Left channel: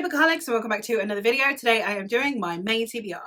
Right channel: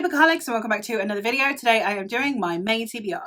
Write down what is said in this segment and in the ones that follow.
Hey Bookaholics, and welcome back to another video. Today I am doing my May TBR.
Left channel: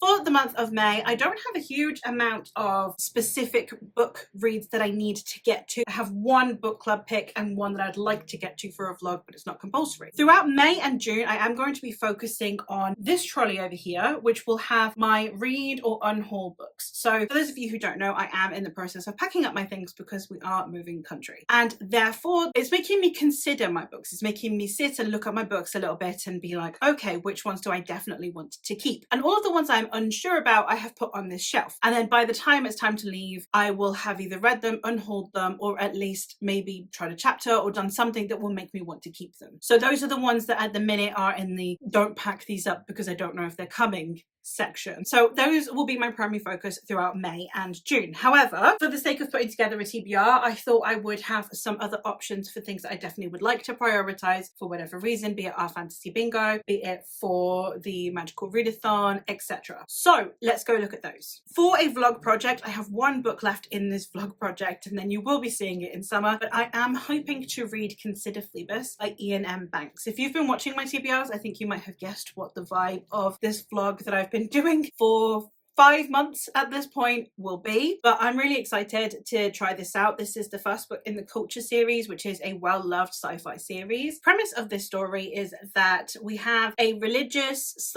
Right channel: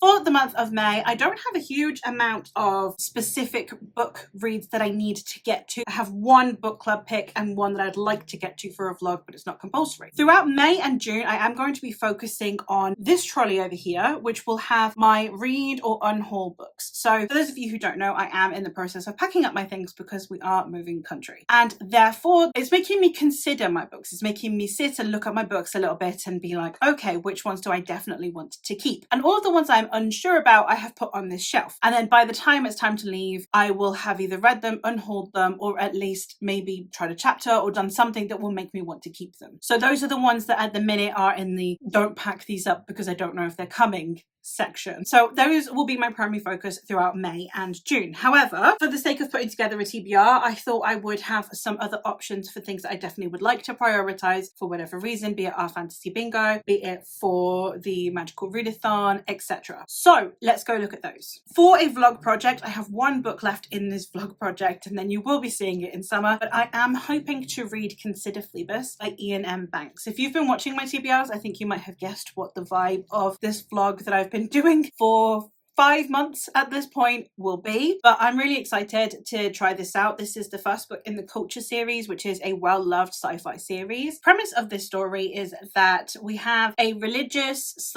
For the month of May, I don't have a huge amount of specific book reads that I need to get to. I have one book club pick and one that I'd like to get to for a vlog, but it's not compulsory. Throughout May and June, I am going to be focusing on this trolley over here, which will have my read or unhaul books. So for those of you who don't know, I am in the process of packing up my things because we are moving country. And therefore, it's making me consider my books. It's making me sit and look at my books a little bit and be like, okay, which ones do I definitely want to keep? And all of the ones I'm unsure about, I have put on this shelf. And then by the time it's time to leave, I will have either read them, unhauled them, or at least maybe tried a chapter or done something that will make me want to keep them. So those are the ones that at the minute are in the don't pack these up because I don't know if they're coming section. So those will be my primary focus throughout May and June. However, for the sake of putting together a TBR, I thought I would have some other options for things that I definitely would like to prioritize for whatever reason, be it our fantasy bingo, be it for the magical readathon, etc. So let's go look at those. For a vlog project, I have one book left in this vlog project and then you will be seeing it in summer, but I am hoping to read Consider Phoebus by Ian M. Banks. If you've been watching my TBRs, I think you might have guessed what the vibe of this vlog that I've been doing for 5 months at this point will be, but I'm really excited to try this out. This is the first book in the Culture series, which is a well-loved sci-fi series. Premise of this story is that we have a religious /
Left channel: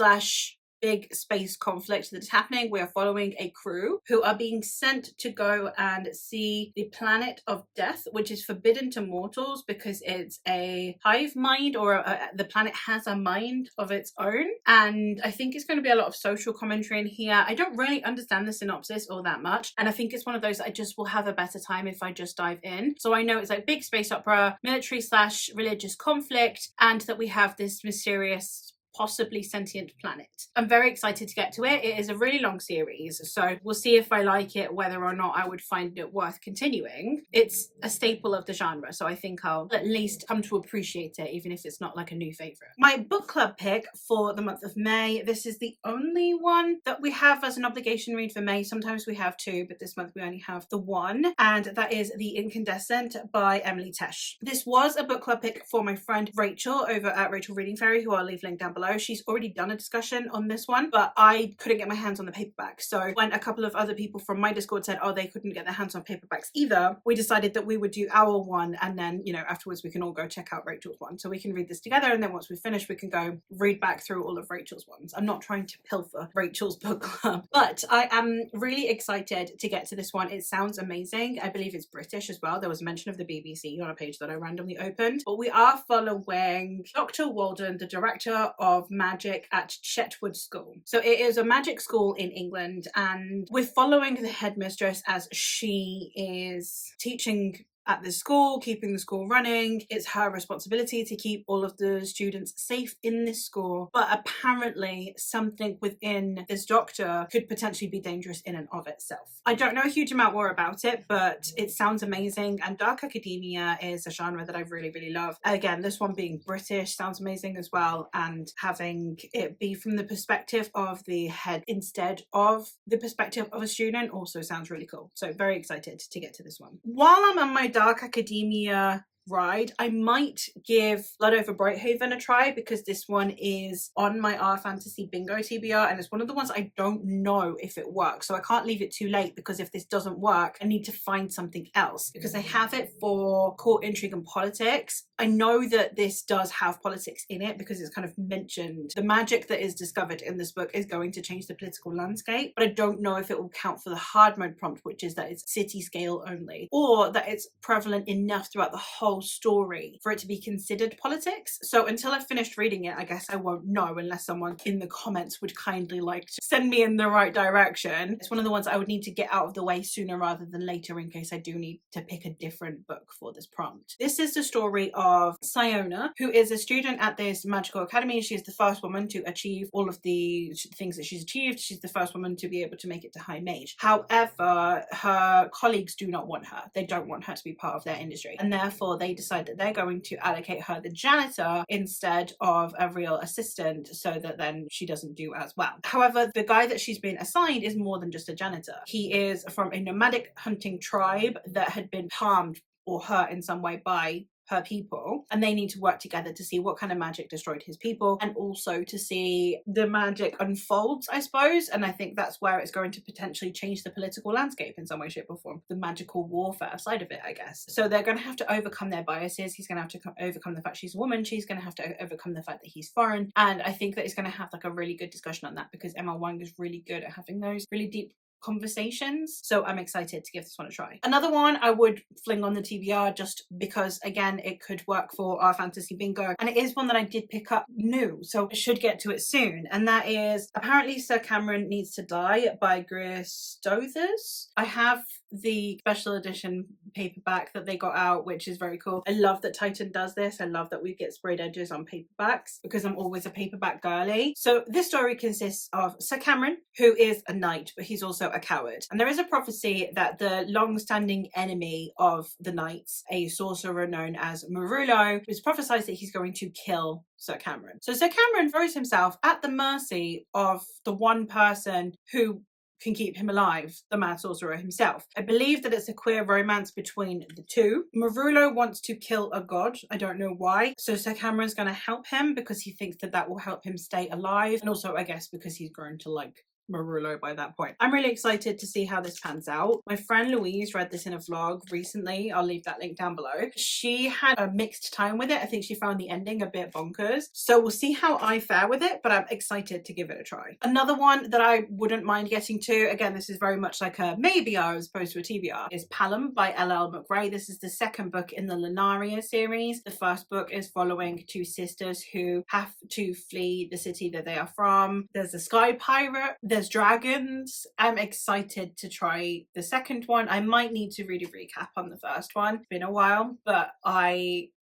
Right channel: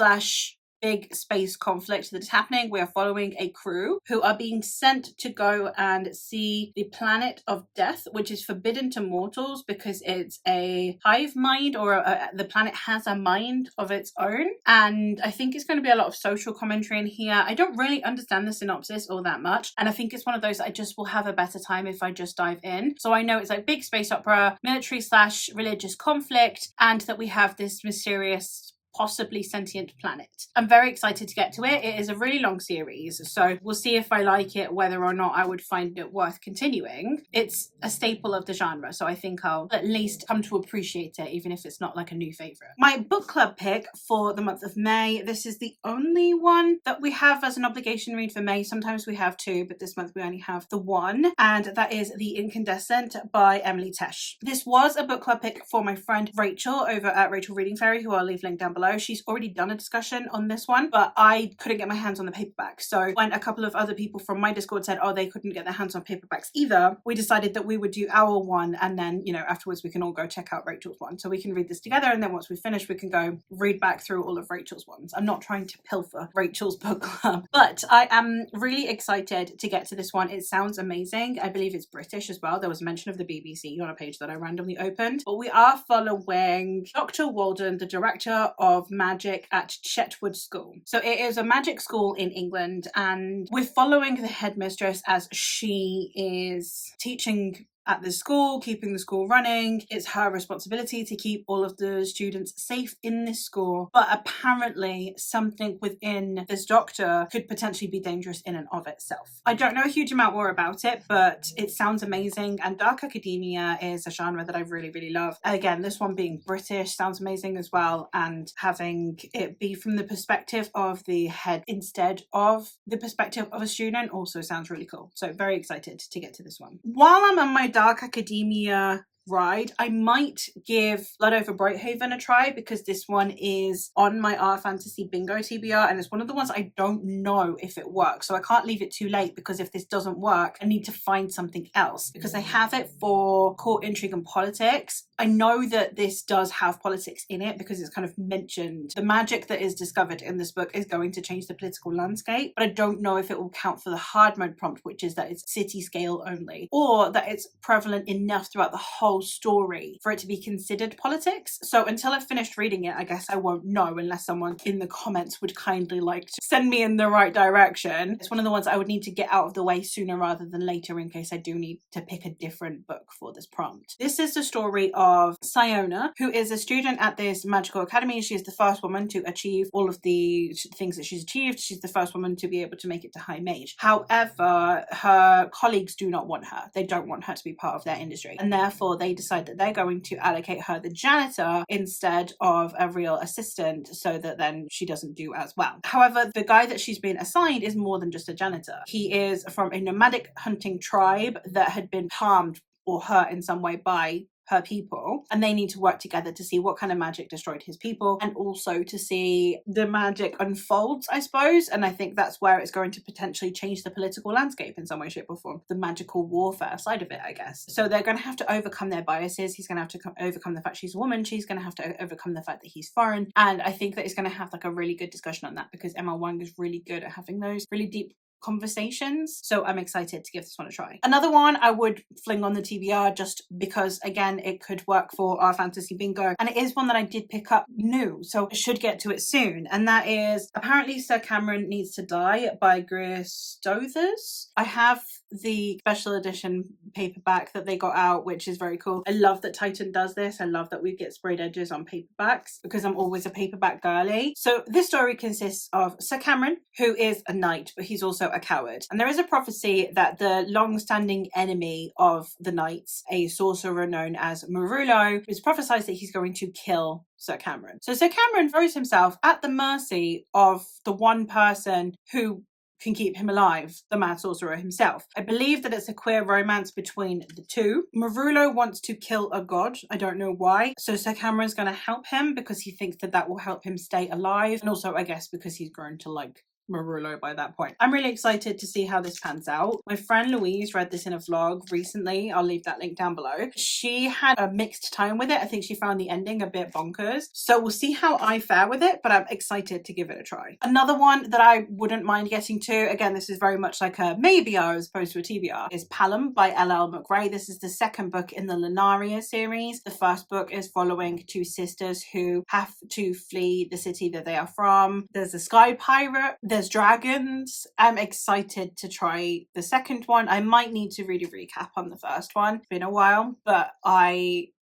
big space conflict that is happening. We are following a crew who are being sent to go and see the planet of death, which is forbidden to mortals because it's a hive mind, or the planet has a mind of its own. And I think it's going to be a lot of social commentary in here. I don't really understand the synopsis all that much, and I think it's one of those that I just will have a better time if I just dive in. So I know it's like big space opera, military / religious conflict, and that we have this mysterious, possibly sentient planet. I'm very excited to get to it. It is a really long series, so we'll see if I like it, whether or not I would find it worth continuing. It's a staple of the genre, so I think I'll at least come to appreciate it, even if it's not like a new favorite. My book club pick for the month of May, this is the only one that we have as an obligation read for May. Sometimes we have two, but this month we only have the one, and that is The Incandescent by Emily Tesh. This was a book club pick for my friend Rachel over at Rachel Reading Fairy, who I'll leave linked down below. She's already done a discussion on this one, but I couldn't get my hands on the paperback. So when a couple of other people from my Discord said, oh, they couldn't get their hands on paperbacks either, we decided that we would do our one, and then, you know, afterwards we can all go check out Rachel's one. So we can read this together, and then once we finish, we can go read back through all of Rachel's ones. I'm not trying to pilfer Rachel's book club, but I am really excited to get to this one. It sounds amazing. I believe it's British as well. There was mention of the BBC on a page that I randomly opened, but we are following Dr. Walden, the director of magic at Chetwood School. So it is a magic school in England, and we're following the headmistress as she is teaching at the school, keeping the school running. It's her responsibility to keep all of the students safe in this school, but apparently something within this doctor could potentially be dangerous in and of itself. I don't know a huge amount more about it, but it sounds amazing, and dark academia is a genre that I really, really love. Again, this one being British sounds amazing as well, and having it be from the perspective of the head instead of the perspective of a student also sounds really cool. So very excited to get to this one. While I'm on my dark academia ride, I might give Blood Over Brighthaven a try, because this one is on my Our Fantasy Bingo TBR, and it's one of the ones I don't know if it works, so I can't leave it too late, because if this doesn't work, I need to find something else, because I have it for court intrigue and politics. I know that this does have politics in it because it's kind of mentioned. The magic that is discovered in this book is going to change the political landscape, but I don't know if it will count for the hard mode prompt, which is that it's city scale only, or that it's prevalent enough throughout the whole story for it to be considered politics. So until I've finished reading it, I guess I won't know, unless someone in the comments would kindly like to send me in the right direction. It's one of the ones I would need to get out of the way sooner rather than later, in case I do need to pick a different book for this prompt. This is the story of Siona, who is a student at this magical academy. She is the first woman to achieve all of the things that she's achieved. She's the first woman to be able to make it to High Mage. However, her colleagues do not want her. They don't want her to be part of their industry, and therefore they decide that they're going to allocate her the janitor instead of a real assistant, so that then she doesn't do as well. However, the guy that she's been assigned is more than just a janitor. He is from a nomadic hunting tribe that had been harmed or hurt in some way by her people, and they need to work together to see what kind of magic destroyed his people, and also to see the magic unfolds, I suppose. And I think that's where it's going to potentially change the political landscape in some way, shape or form, the magical warfare side of it, I guess. So they're going to have to overcome their biases. He's going to have to overcome the fact she's a woman. She's going to have to overcome the fact that he's foreign. And I think that it's going to have like a really good discussion on that, because Emma Wang is really good at having those really deep conversations. So I'm excited to give this one a try. Another one I would fling on the TBR just because, again, it could work for our fantasy bingo, and it is one that I did pick up new, so I should get to it soon, and that is Apparently Sir Cameron Needs to Die by Greer Stothers. I have the special edition paperback that they got out, which is very cool. I love that Titan does this. I love that we get sprayed edges on paperbacks because I'm always a paperback girly. So this story consists of Sir Cameron, who is a knight, but he's also a coward. And there is a prophecy that the long-standing enemy of the knights, a sorcerer known as Marullo, is prophesied that he's going to kill Sir Cameron. So Sir Cameron throws himself at the mercy of the one person who can keep him alive, the mad sorcerer himself. I believe that it's a queer romance between the two. Marullo wants to kill a god. I don't know why. So Sir Cameron's going to help him because he thinks that that will help him stay alive. And also, I guess, because he's grown to like Marullo by that point. I'm really excited to see how this pans out. My friend Louise read this in a vlog recently. I'll leave that link down below. She had a mixed time with it. I think she found the ending a bit bonkers. So we'll see how I fare with it, but I'm excited to give it a try. Another one that I wouldn't mind getting to, again, this is very much like a maybe as opposed to a TBR, is Palom by L.L. McRae. This is the second book in the Lunaria series. The first book is following two sisters who have to flee the city that they are from. There's a sky pirate. There's dragons. I'm excited to try the second one. I might need to read a recap on the first one. It's been a while, but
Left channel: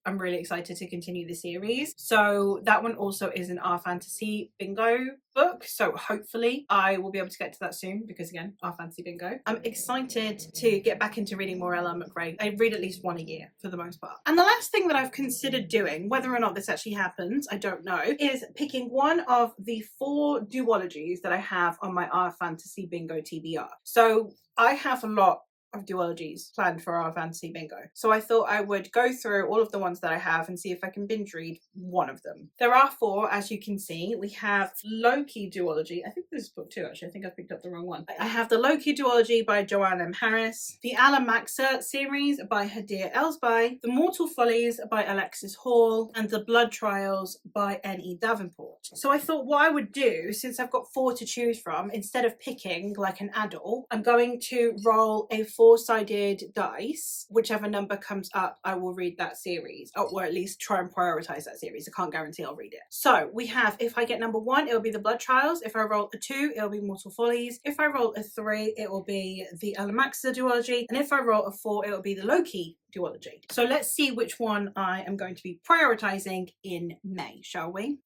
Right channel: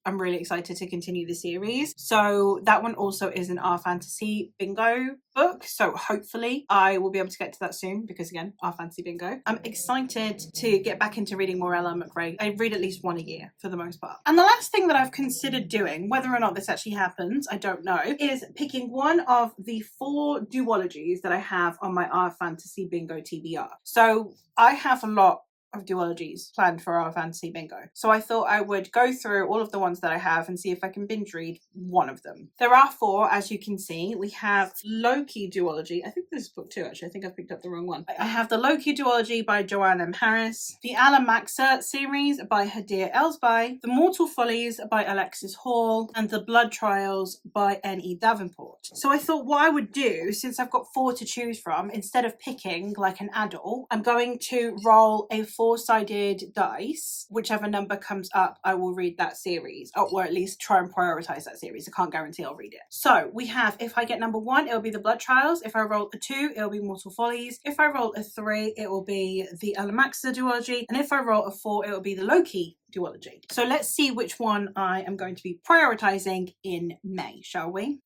I'm really excited to continue the series. So that one also is an Our Fantasy Bingo book. So hopefully I will be able to get to that soon because, again, Our Fantasy Bingo. I'm excited to get back into reading more L.L. McRae. I read at least one a year for the most part. And the last thing that I've considered doing, whether or not this actually happens, I don't know, is picking one of the 4 duologies that I have on my Our Fantasy Bingo TBR. So I have a lot of duologies planned for Our Fantasy Bingo. So I thought I would go through all of the ones that I have and see if I can binge read one of them. There are 4, as you can see. We have Loki duology. I think this is book 2, actually. I think I picked up the wrong one. I have the Loki duology by Joanne M. Harris, the Alamaxa series by Hadir Elsby, the Mortal Follies by Alexis Hall, and the Blood Trials by N.E. Davenport. So I thought what I would do, since I've got 4 to choose from, instead of picking like an adult, I'm going to roll a 4-sided dice. Whichever number comes up, I will read that series, or at least try and prioritize that series. I can't guarantee I'll read it. So we have, if I get number 1, it'll be the Blood Trials. If I roll a 2, it'll be Mortal Follies. If I roll a 3, it will be the Alamaxa duology. And if I roll a 4, it'll be the Loki duology. So let's see which one I am going to be prioritizing in May, shall we?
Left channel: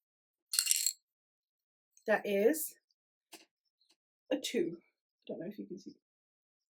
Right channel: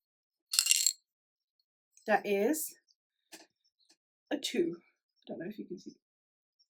That is a 2. I don't know if you can see.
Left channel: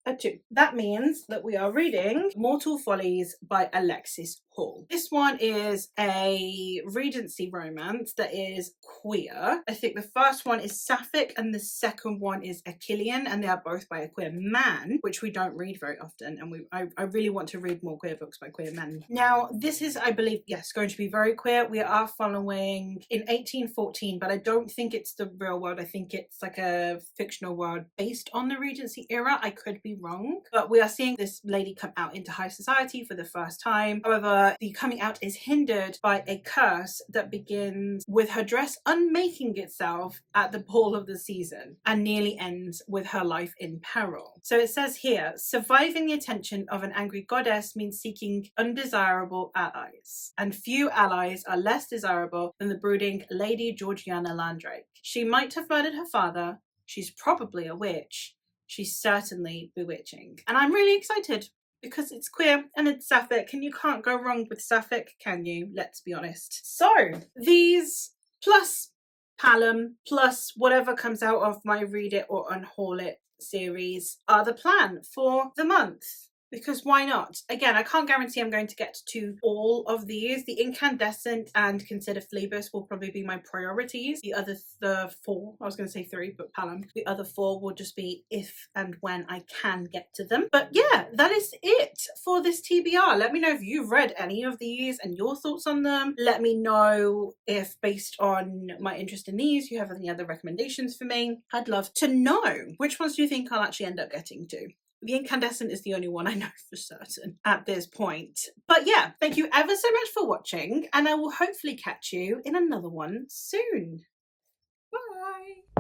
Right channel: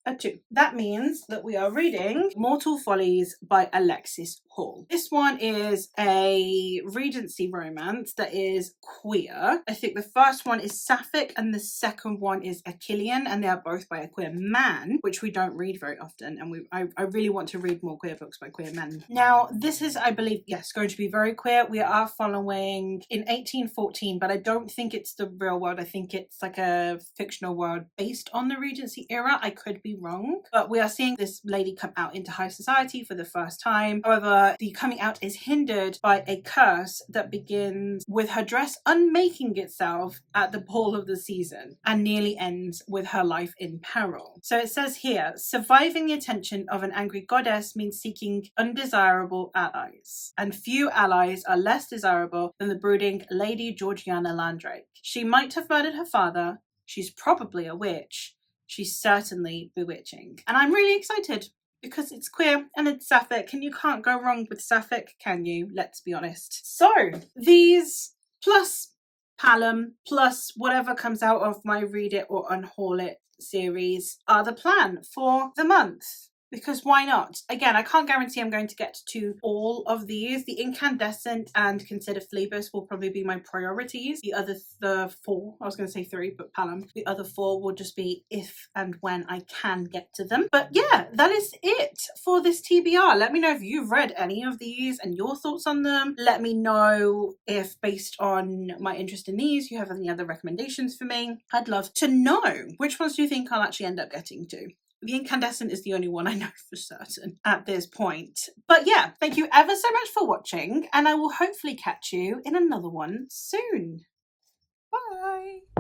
A 2. That means that we are reading Mortal Follies by Alexis Hall. This one is a Regency romance that is queer. I think the first one is Sapphic and the second one is Achillean, and they are both by a queer man, which we don't read very often, and I really want to read more queer books by queer men. Now, this is, I believe, yes, going to be very queer. We are following in 1814, but I don't think it's the real world. I think it's like a fictional world based on the Regency era. I could be wrong, but we are seeing this lady come out into high society for the first time. However, the coming out is hindered by a curse that begins with her dress unmaking itself at the ball of the season and nearly ends with her life in peril. So it says here, surviving the attention of an angry goddess means seeking undesirable allies, and few allies are less desirable than the brooding Lady Georgiana Landrake. She might have murdered her father. She's probably a witch. She's certainly bewitching. And I'm really excited because it's queer and it's Sapphic, and you can't go wrong with Sapphic, can you? Let's be honest. So these plus Palom plus whatever comes out of my Read It or Unhaul It series are the plan for the month. because why not? Again, I can't guarantee I'm going to get to all of these. The Incandescent and Consider Phlebas will probably be my priorities. The four, I was going to say three, but Palom. The other four will just be if and when I can get to them. But yeah, that is it for this TBR. Let me know if you've read any of these and your thoughts on them. Let me know if, based on my interest in these, you have any other recommendations for me. I'd love to know. Which ones do you think I'll actually end up getting to? The Incandescent is the only one I know for certain at this point. But yeah, thank you ever so much for watching, and I will hopefully catch you in another one soon. Bye!